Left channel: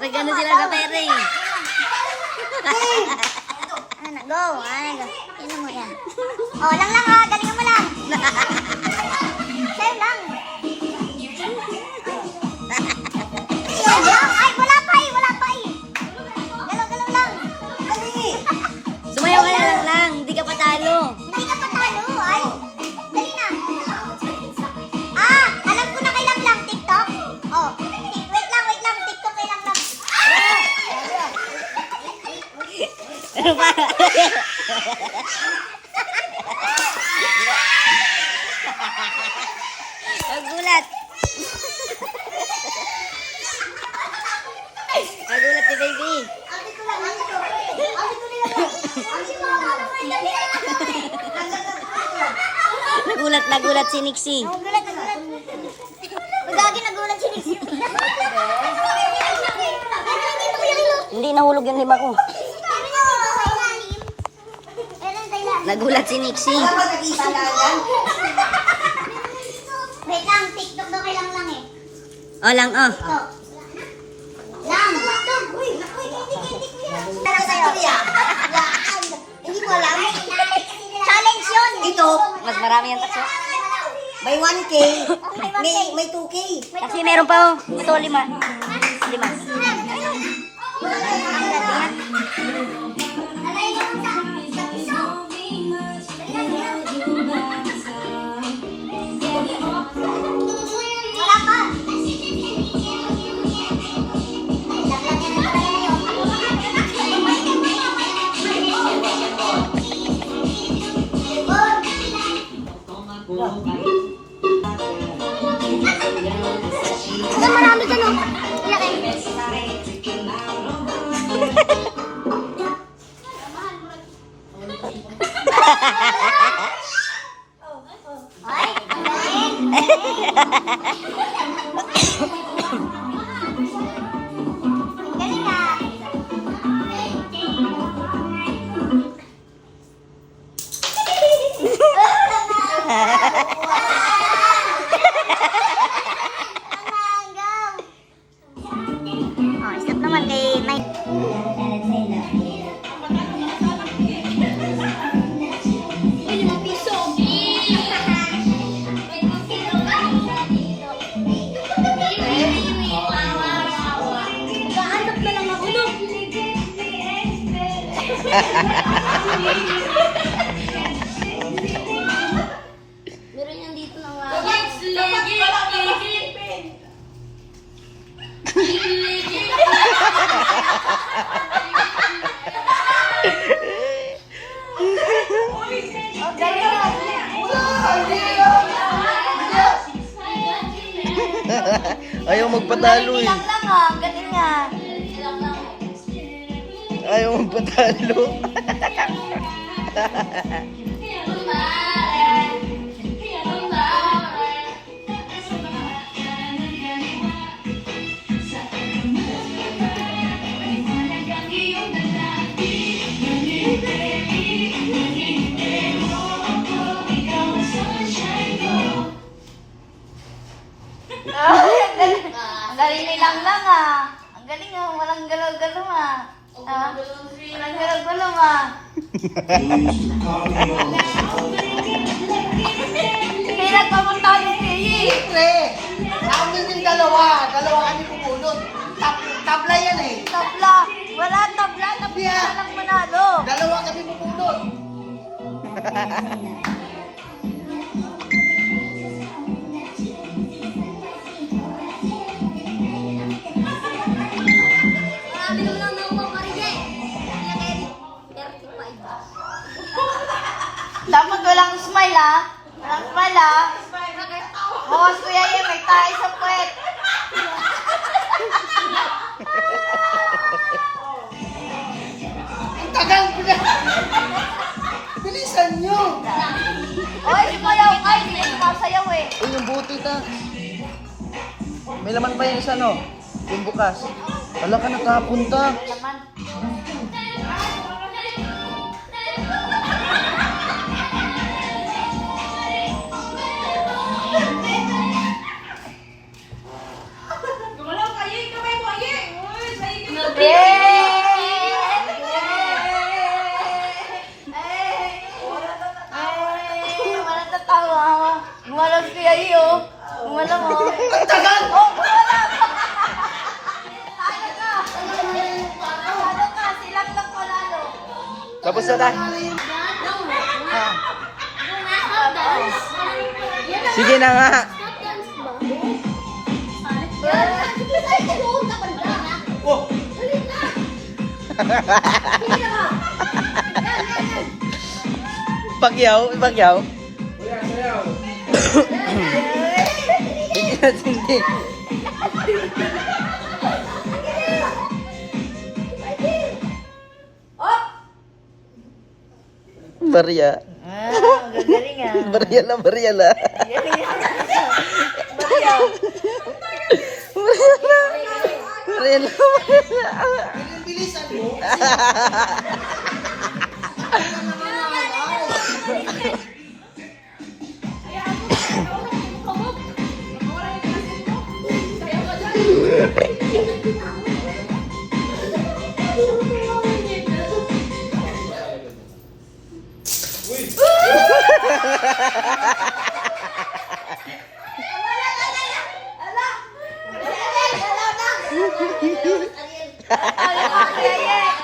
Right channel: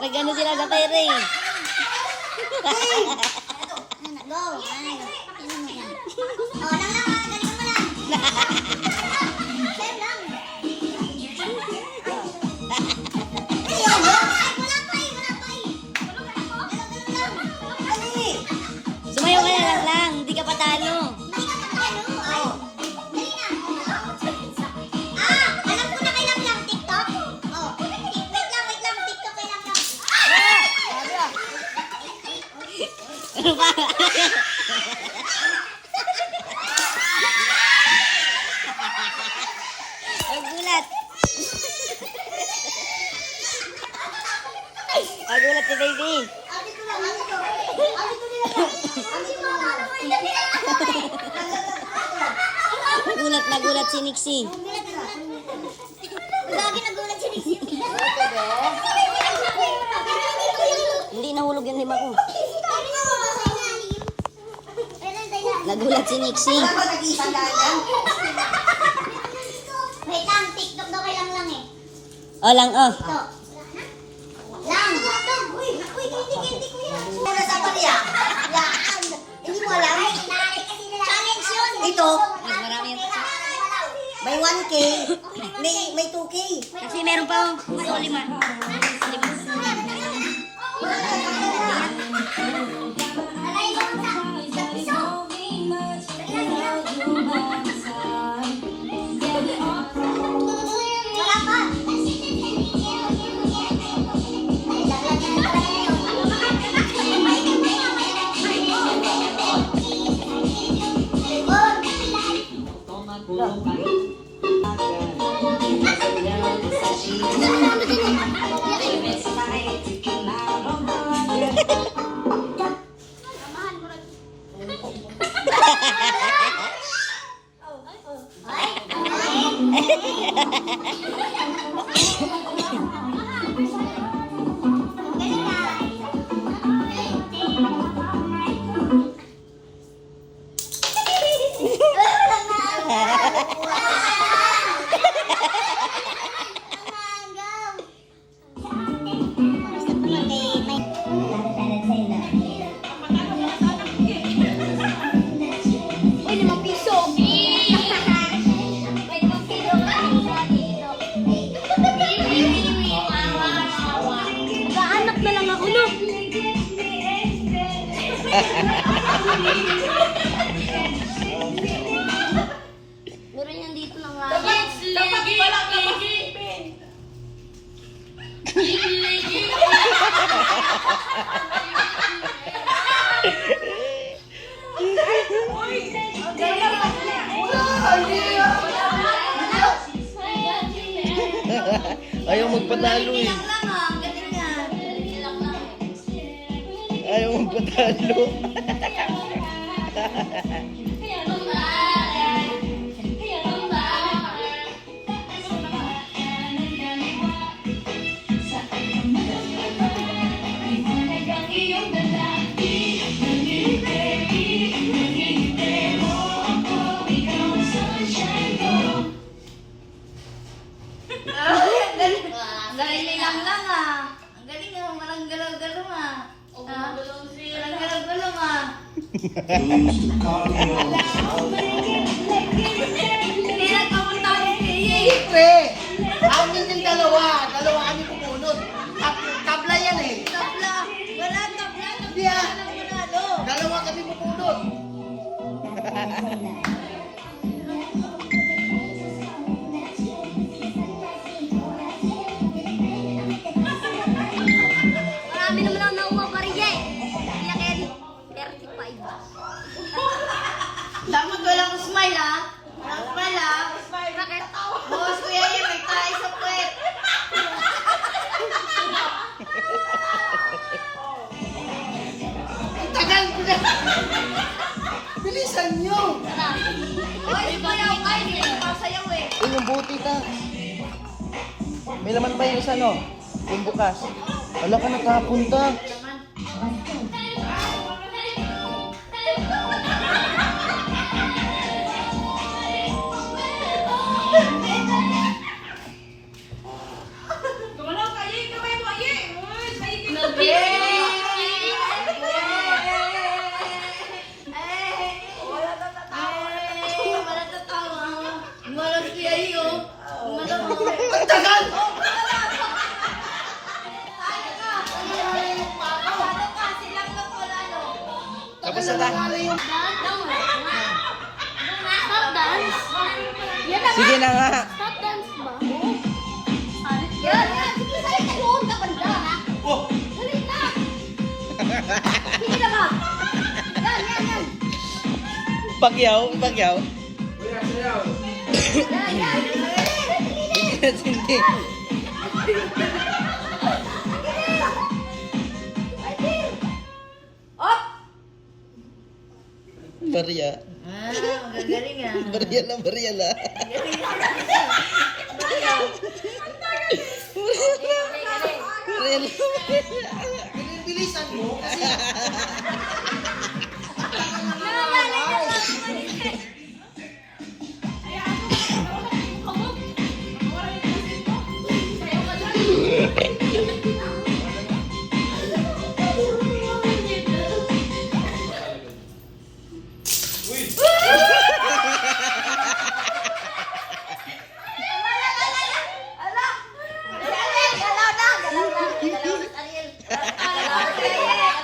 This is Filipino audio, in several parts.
Nag-ano sila sa pera eh. Go. Tingnan mo yan. Oh, lang ha. Galingan mo lang. Sa'yo lang. Ay, wala pa eh. Galaw lang. Sumayaw ka na lang. Hindi ka patalo. Hindi ka patalo. Ay, dali na. Alam ko na kay Lang. TikTok. Oh, wait lang. TikTok kay Lang. Ano ba? Nagulat. Nagulat si baby. Nagulat si Nixie. Nagulat si Nixie. Hindi nahulog yung lima ko. Nagulat si Nixie. Wait lang, TikTok daw kay Lang eh. Oh, lang oh. Lang! Uy, hindi ko yan. Hindi mo alam? Challenge yun! Ito, mas marami yung taksi. May 1K, may 2K. Kasi meron pa oh. Ito, 5. 5. Wala pa! Marami ka lang. Meron yan dito ng Ayaw magpatalo eh. Galing yan. Ayaw magpatalo. Ang galing ni Lang ah. Ang galing ah. Walang galaw-galaw ah. Walang galaw-galaw ah. Hindi nagpapunta ni Kaya. Pre, amin yung dalawa kami pupunod. Tabla yan eh. Tabla. Wala tabla. Tabla lang manalo. Dalawa kami pupunod. Marami naman ang nakuha pa rin dyan. Kanya Eric, 35. Dapat walang smile, ha? Walang smile, ha? Oo, Kuya Ye, may tayo sa puwet. Ang tagal ko na. Bilisan nyo. Oy, sumayaw ka. Hindi ko masayaw, eh. Uy, yung buti ka. May laman pa yung isa, no? Yung bukas. Wala ka nakapunta. Wala tatawa. Walang Kuya Ye, oh. Walang, oh. Ang tagal. Silang lang ko lalo. Tapos na. Sige na nga. Pagyaw, pagyaw. Hindi natin din. Maria. Gagaling, ah. Maria la, Maria la. Maria la. Bilisan mo.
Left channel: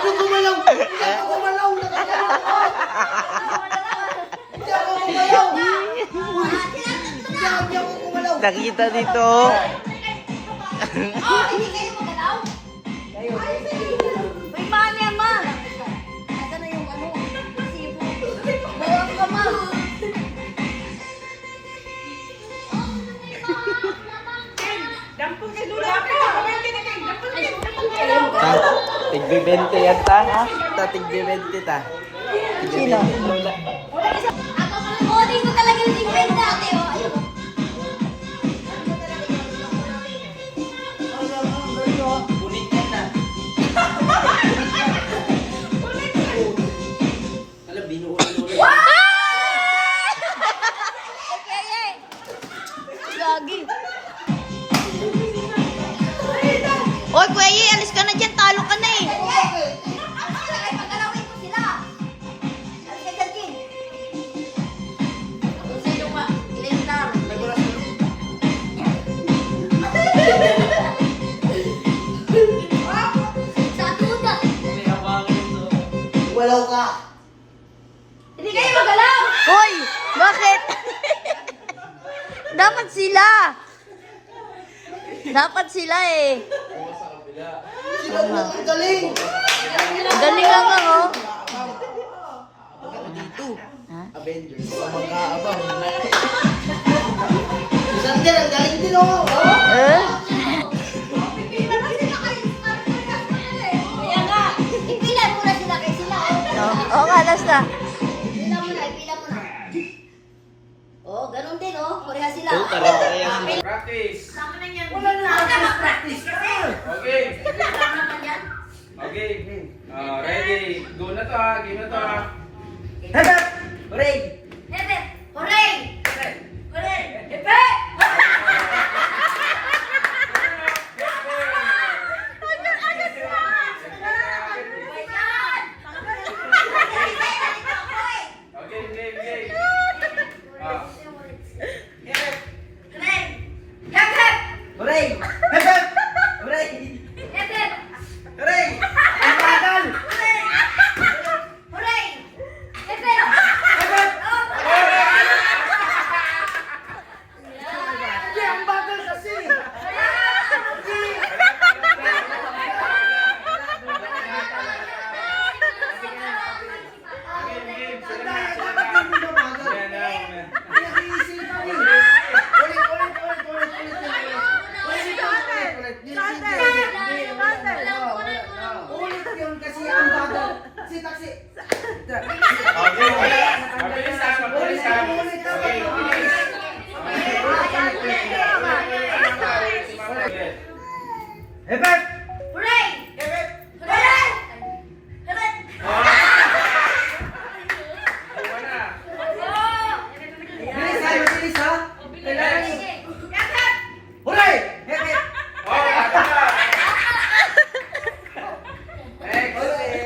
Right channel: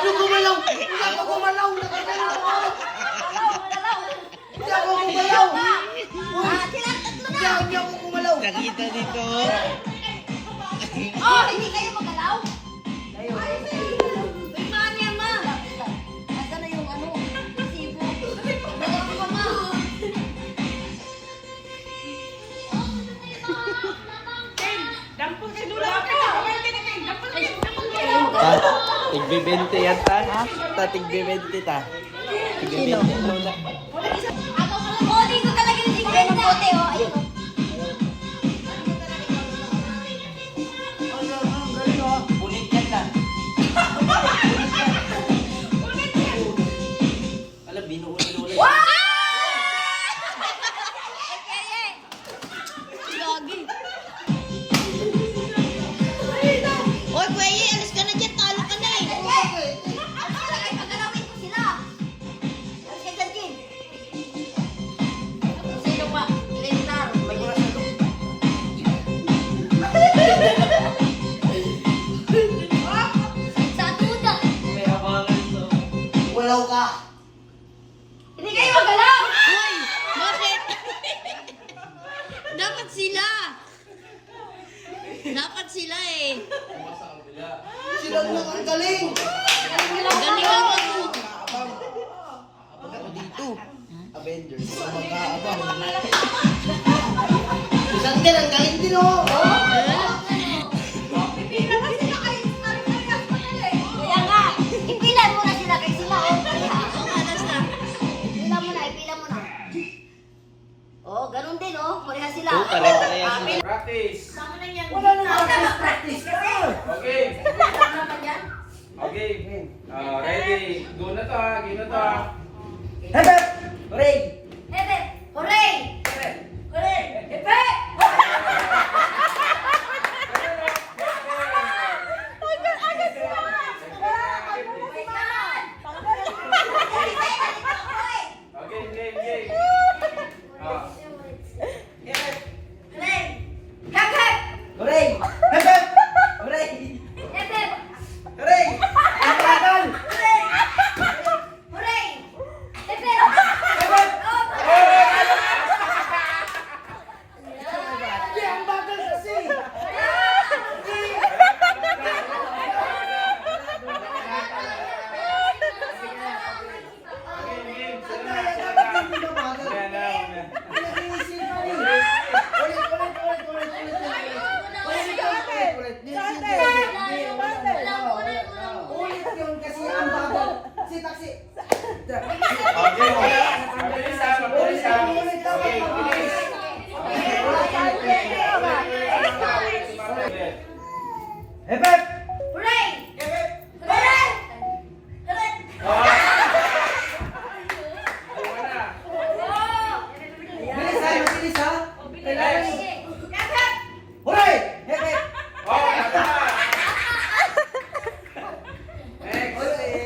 Ano gumalaw? Hindi ako gumalaw. Nakagalaw ako. Hindi ako gumalaw. Hindi ako gumalaw. Nakita dito. Hindi kayo magalaw? May mani, ma. Asa na yung ano? Sibo. Bawang ka, ma. Ta, tigbe-20 yan ta, ha? Ta, tigbe-20 ta. Sino? Lola. Bote ko talaga yung tingkenta. Ayun. Gagi. Oy, Kuya Ye, alis ka na dyan. Talo ka na eh. Pagalawin ko sila. Alis ka dyan, King. Sino ka? Ilang lang. Sa duda. Gumalaw ka. Hindi kayo magalaw. Hoy, bakit? Dapat sila. Dapat sila eh. Sila mo ang galing. Galing naman, oh. Avengers. Mag-aabang. Isang din, ang galing din, oh. Eh? Kaya nga, ipilan mo na sila kay sila. Oo nga, lasta. Ipilan mo na, ipilan mo na. Oh, ganun din, oh. Kureha sila. Oh, pare-pare yan. Practice. Sama na yan. Wala na mag-practice ka. Okay. Sama na yan. Okay. Ready. Go na to ha. Game na to ha. Hagap! Hooray! Ebe, hooray! Hooray! Ebe! Okay, game. Ah. Hooray! Hagap! Hooray! Hooray! Ang bagal! Hagap! Okay, mabilisan, mabilisan. Hebet! Hooray! Hooray! Hooray! Bilis ha, bilis ha. Kailangan. Kakak! Hooray! Hebet!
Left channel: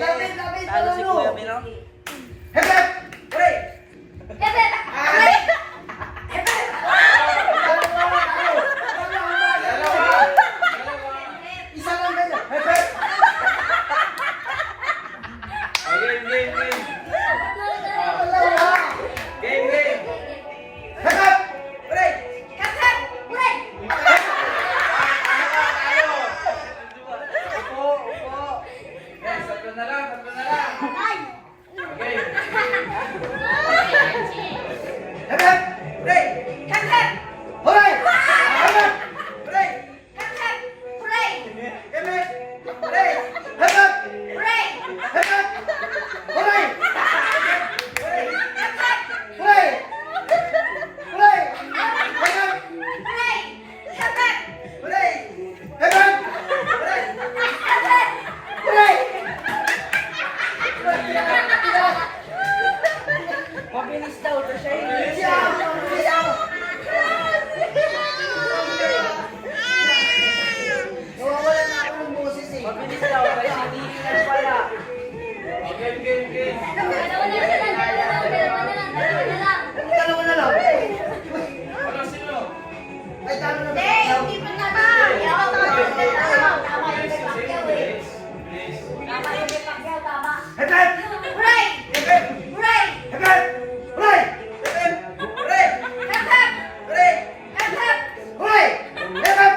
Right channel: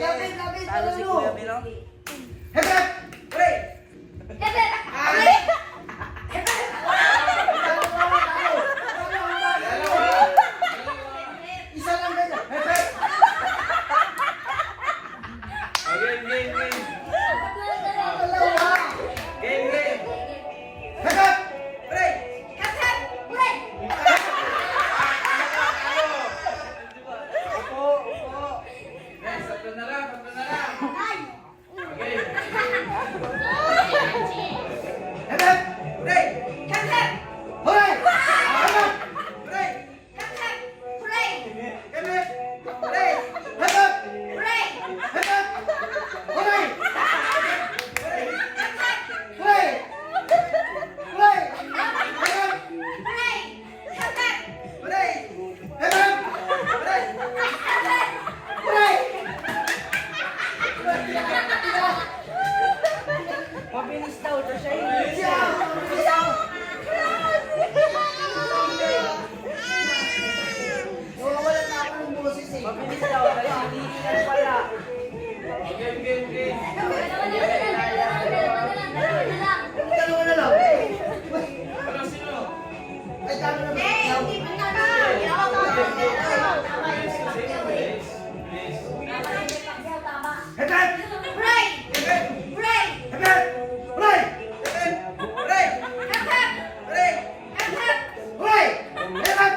Lapit, lapit, ano? Hebet! Hooray! Hebet! Hooray! Isa lang kayo. Hebet! Hebet! Hooray! Kakak! Hooray! Tatlo na lang. Okay. Hebet! Hooray! Kakak! Hooray! Hebet! Hooray! Kakak! Hooray! Hebet! Hooray! Hebet! Hooray! Hebet! Hooray! Hooray! Hooray! Hebet! Hooray! Kakak! Hooray! Hebet! Hooray! Hooray! Mabilis daw, siya hindi. Nawawala na ako ng boses eh. Mabilis daw, kaya hindi na pala. Okay. Dalawa na lang. Ano sino? Ay, dami na ba? Hindi pa naman! Hebet! Hooray! Hebet! Hooray! Hebet! Hooray! Hebet! Hooray! Kakak! Hooray! Kakak! Hooray! Hebet!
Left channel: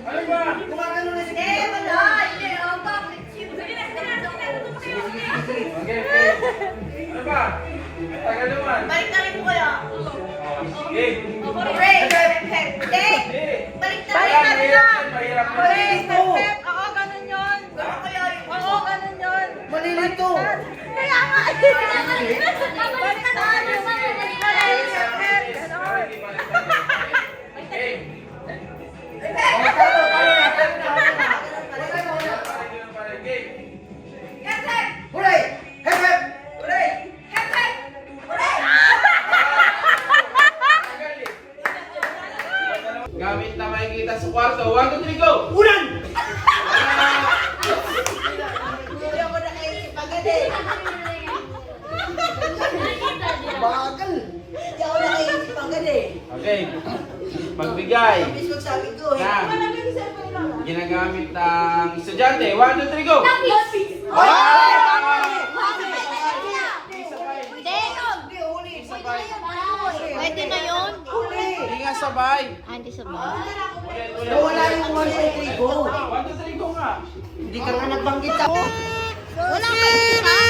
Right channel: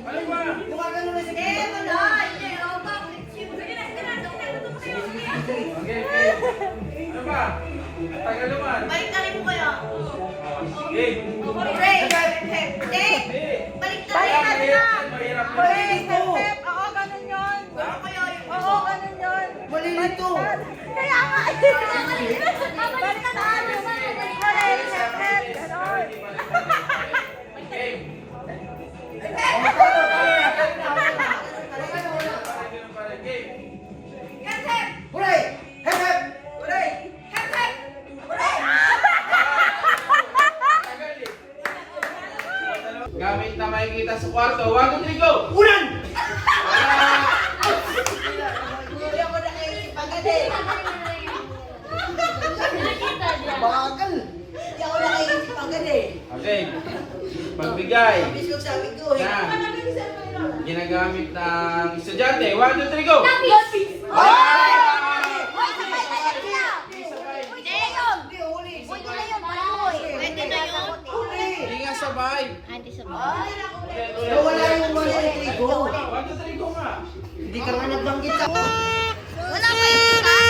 Ano ba? Kumakan mo na si Eh, wala! Hindi, oh, bakit? Okay. Ano ba? Tagal naman. Balik na rin ko kaya. Sige. Hooray! Hindi! Sige. Balik na Parang rin mahirap natin! yan, mahirap yan. Malilito! Oo, ganun yun! Ganun kaya yun? Oo, ganun yun! Malilito! Kaya nga! Balik na tayo! Okay. Kakak! Hooray! Hebet! Hooray! Kakak! Hooray! Gamit na makikita sa kwarto. 1, 2, 3, go! Unan! Bagal! Okay. Pagbigay na ginagamit ng estudyante. 1, 2, 3, go! Pwede na yun. Hindi nga sabay. Hindi sabay. Ulit. Wala yung 1, 2, 3, go! 1, 2, 3, go nga. Hindi ka nga nagbanggit ako. Wala pa yun.